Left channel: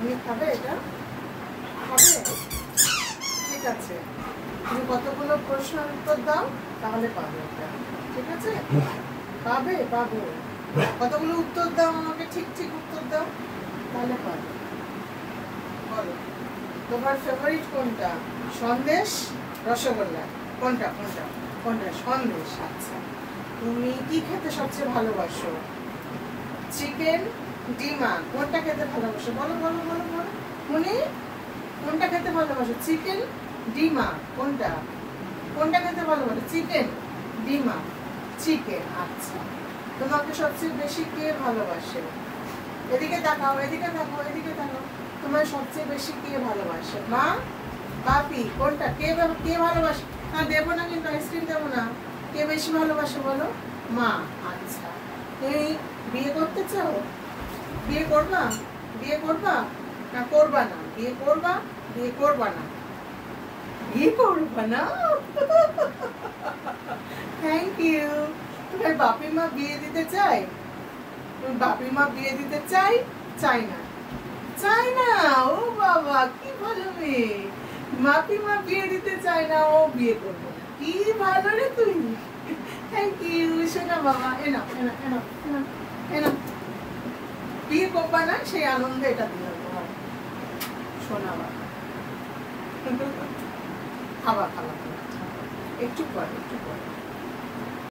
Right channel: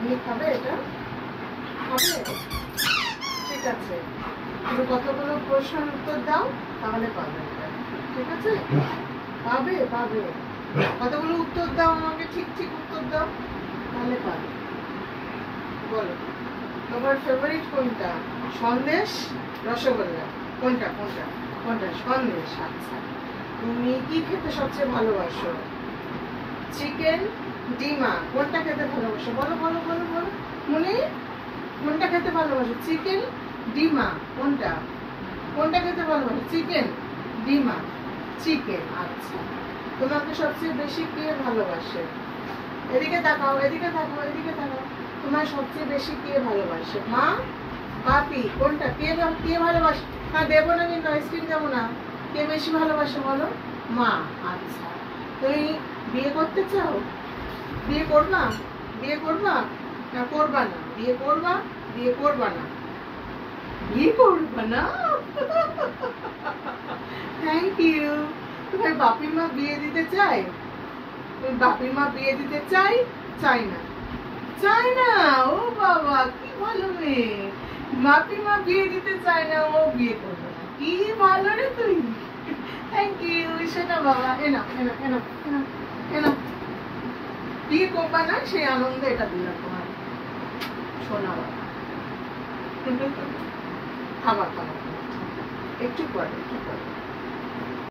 তুমি খাবে এটা? খাবে? ঠিক আছে, তুমি কতগুলো প্রশ্নের উত্তর দাও, তাহলে পাবে এটা। ঠিক আছে, পাবে পাবে। কতগুলো উত্তর দাও আমাকে, ঠিক ঠিক উত্তর দাও, তাহলে পাবে। বলো, তোমার ফেভারিট কোনটা? সন্দেশ, রসগোল্লা? কোনটা কোনটা কোনটা? সন্দেশ। আচ্ছা, তুমি কি খেতে সবচেয়ে ভালোবাসো? চিকেন, ডিমা? কোনটা খেতে ভালোবাসো? বলো বলো বলো বলো মনে, কোনটা খেতে ভালোবাসো? চিকেন, ডিমা? কোনটা কোনটা খেতে ভালোবাসো? চিকেন, ডিমা? চিকেন। আচ্ছা, তোমাকে সবচেয়ে বেশি কে ভালোবাসে? এদিকে তাকাও, এদিকে তাকাও, এদিকে তাকাও। তোমার সবচেয়ে বেশি কে ভালোবাসে? মা, পাপি? কোনটা? কে কে ভালোবাসে? হ্যাঁ, দেবো না কিন্তু, আইসক্রিম দেবো না। কে বেশি ভালোবাসে বলো? মা। আচ্ছা, তুমি বিয়ে করতে চাও? বিয়ে করবা? বিয়ে করবা না করবা না? বিয়ে করবা? বিয়ে করবা না? বিয়ে করবা না? Thank you. তোমার বাপি মা বিয়ে দিতে চায়? তুমি বাপি মা বিয়ে দিতে চাই? চাই না? চাই না? ও বাবা, কি ভালো মেয়ে। বাপি মা বিয়ে দিতে চায় না, ও বিয়ে করবে না। কি ভালো রে তুই। থ্যাংক ইউ সোনা বাবা। এনা এনা এনা এনা এনা। বিয়ে করবা না, সেই আনন্দে এটা দিলাম তোমার সোনা বাবা। খাবা খাবা খাবা, একটু পরে একটু পরে।